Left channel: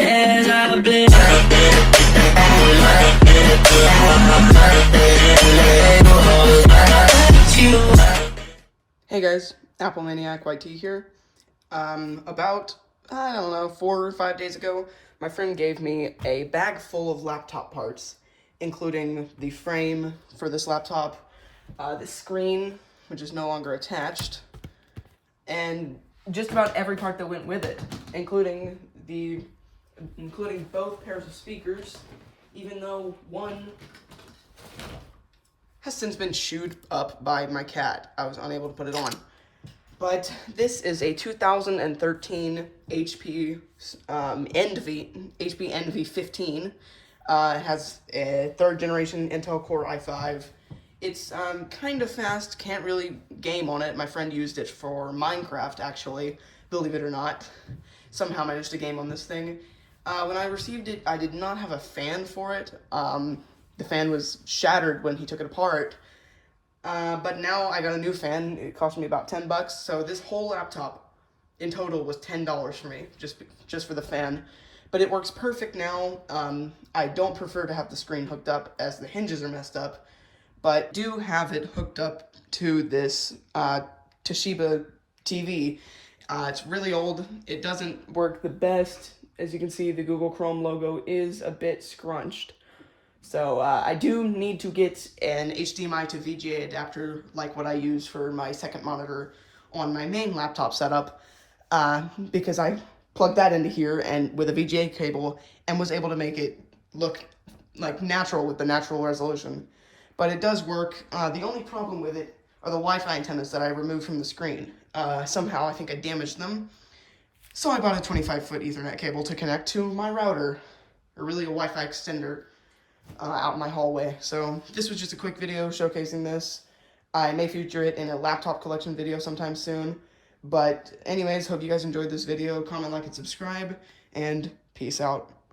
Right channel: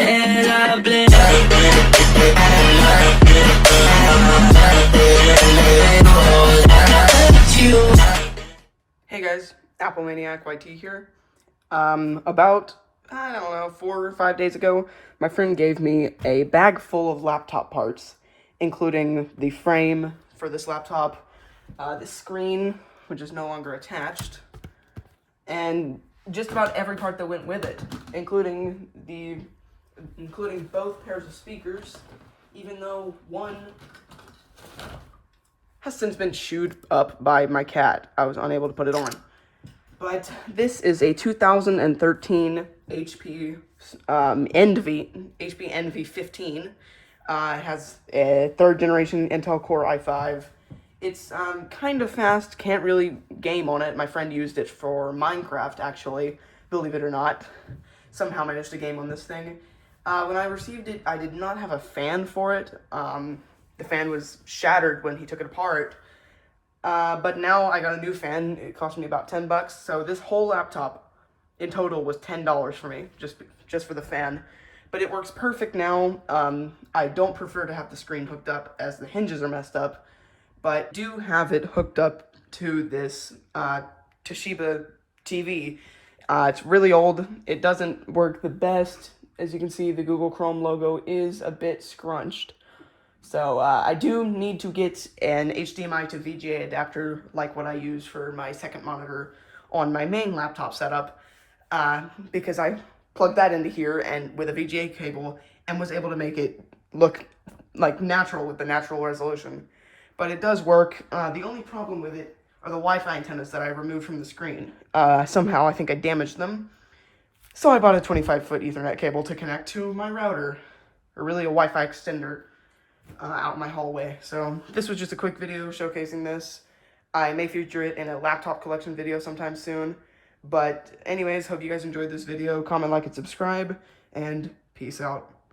Hey guys, Apple Maniac YT here. About, I don't know, 4 or 5 days ago, my friend gave me a bag full of laptop parts, including the frame for this laptop, the screen, which is no longer attached, and just about every part that went with it, including both pairs of speakers, even though one has since been chewed up by my cat. I was unable to put it on. But this is a 2013 HP Envy 15. It has a 3rd generation Intel Core i5. It's kind of fast, can't really game on it. My friend used it for Minecraft, actually, believe it or not. Somehow managed to game on this thing. When I received it, I did not have a fan for it. The fan was shattered when he took it apart. But now I got a new fan. It cost me about 10 bucks. So this whole laptop in total was $10 for me, just for the fan. But it works perfect now. I don't prefer to have the screen hooked up as the hinges are messed up, but do have it hooked up to this Toshiba TV. It's really old. It doesn't work the best. As you can see, the Google Chrome logo is a bit scrunched. So I do need to get an HDMI to VGA adapter like what I use for my second monitor on my main laptop setup, because I plugged that into here and with a VGA cable and was able to make it look like natural with the natural resolution. But it does work. The only problem with it are the Wi-Fi antennas that I removed from the screen. Somehow I think I damaged them. So I bought a 25-foot Ethernet cable to connect to my router, or really a Wi-Fi extender, out in my hallway. So this was just a quick video showcasing this. I may feature it in a laptop collection video sometime soon. But anyways, hope you guys enjoyed this video. Comment, like, and subscribe, and peace out.